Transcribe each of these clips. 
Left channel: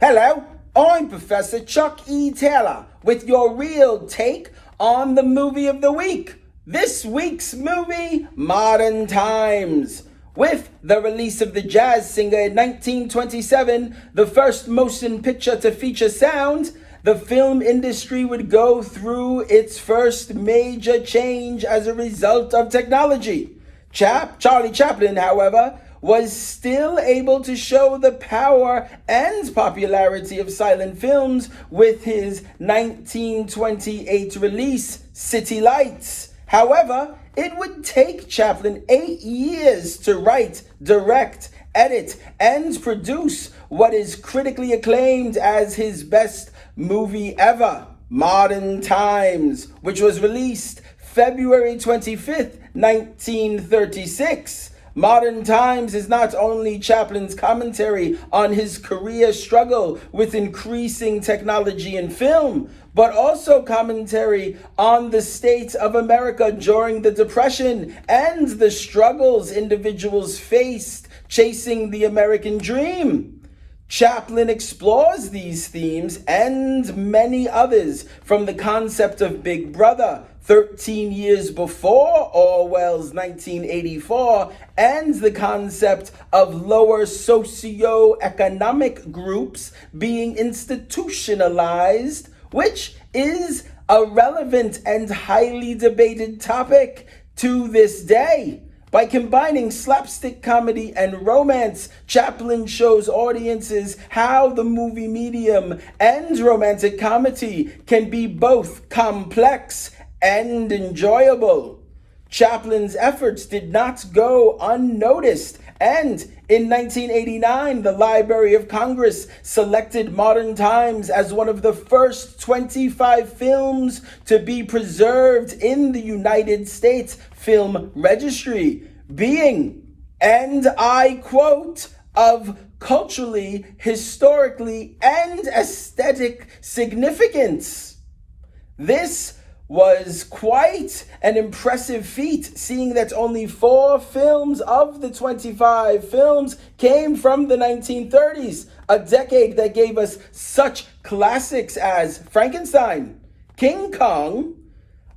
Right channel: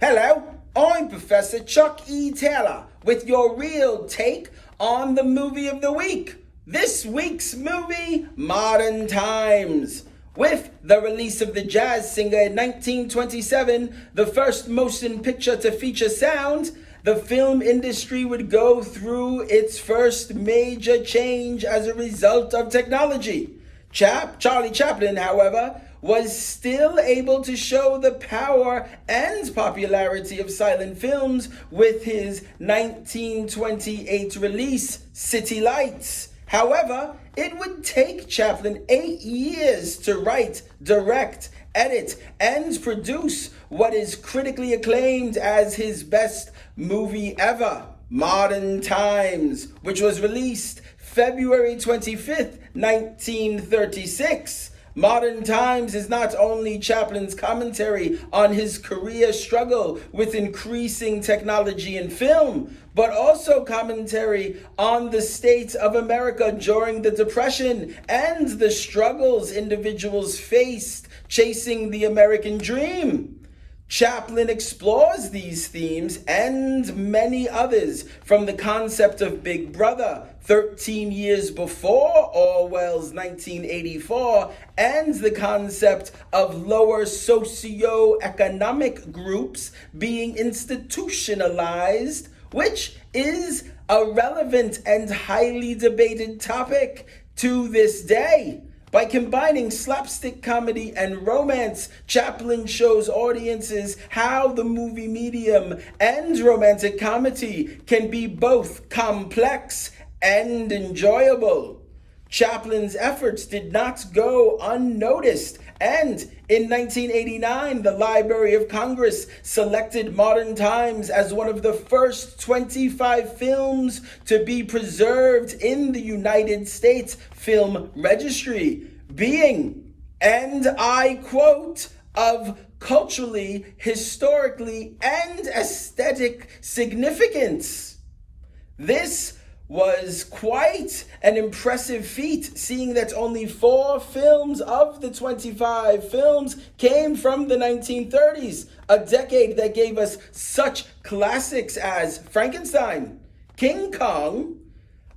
Hello, I'm Professor Chuck E. Taylor with your real take on the movie of the week. This week's movie, Modern Times. With the release of the jazz singer in 1927, the first motion picture to feature sound, the film industry would go through its first major change as a result of technology. Charlie Chaplin, however, was still able to show the power and popularity of silent films with his 1928 release, City Lights. However, it would take Chaplin 8 years to write, direct, edit, and produce what is critically acclaimed as his best movie ever, Modern Times, which was released February 25th, 1936. Modern Times is not only Chaplin's commentary on his career struggle with increasing technology in film, but also commentary on the state of America during the Depression and the struggles individuals faced chasing the American dream. Chaplin explores these themes and many others, from the concept of Big Brother 13 years before Orwell's 1984, and the concept of lower socio-economic groups being institutionalized, which is a relevant and highly debated topic to this day. By combining slapstick comedy and romance, Chaplin shows audiences how the movie medium and romantic comedy can be both complex and enjoyable. Chaplin's efforts did not go unnoticed, and in 1989, the Library of Congress selected Modern Times as one of the first 25 films to be preserved in the United States Film Registry, being, and I quote, of culturally, historically, and aesthetic significance. This was quite an impressive feat, seeing that only 4 films of the 25 films came from the 1930s, a decade that gave us such classics as Frankenstein, King Kong,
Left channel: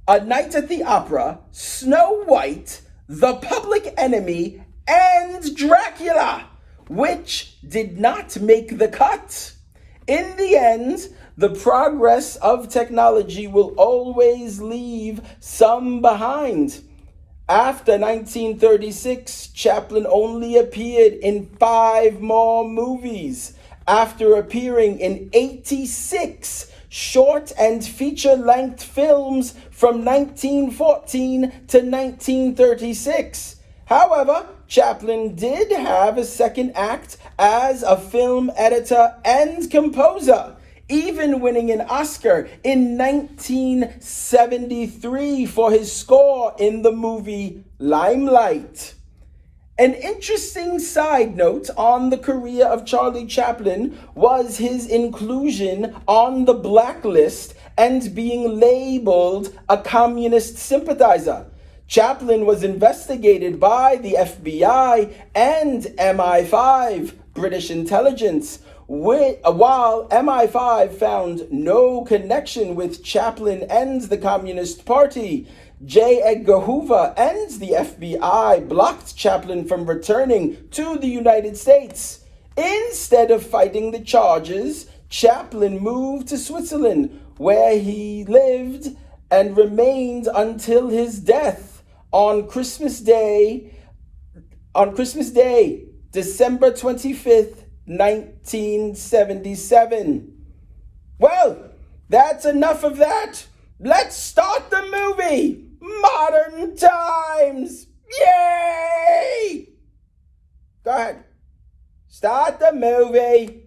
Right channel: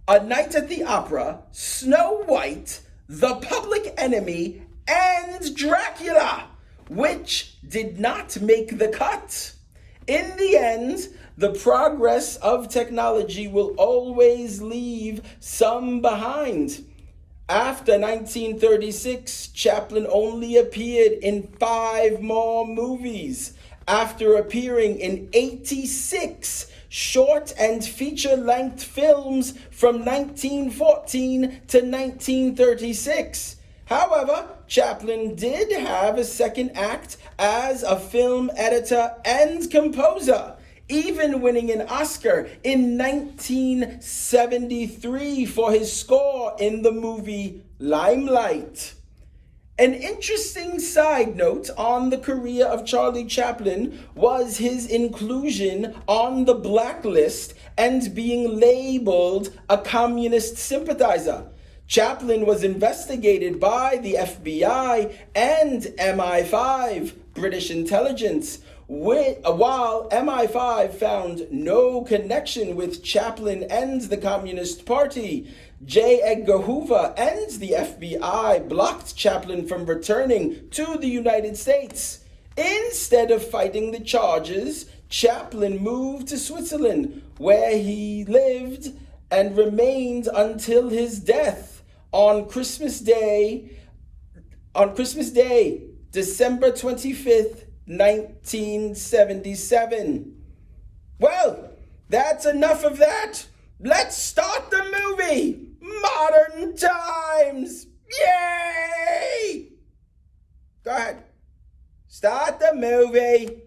A Night at the Opera, Snow White, The Public Enemy, and Dracula, which did not make the cut. In the end, the progress of technology will always leave some behind. After 1936, Chaplin only appeared in 5 more movies, after appearing in 86 short and feature-length films from 1914 to 1936. However, Chaplin did have a second act as a film editor and composer, even winning an Oscar in 1973 for his score in the movie Limelight. An interesting side note on the career of Charlie Chaplin was his inclusion on the blacklist and being labeled a communist sympathizer. Chaplin was investigated by the FBI and MI5, British intelligence, while MI5 found no connection with Chaplin and the Communist Party. J. Edgar Hoover and the FBI blocked Chaplin from returning to the United States. Instead of fighting the charges, Chaplin moved to Switzerland, where he lived and remained until his death on Christmas Day, December 25th, 1977. Well, that's enough of that. Let's start the movie, Modern Times. Yay! Go ahead. Start the movie.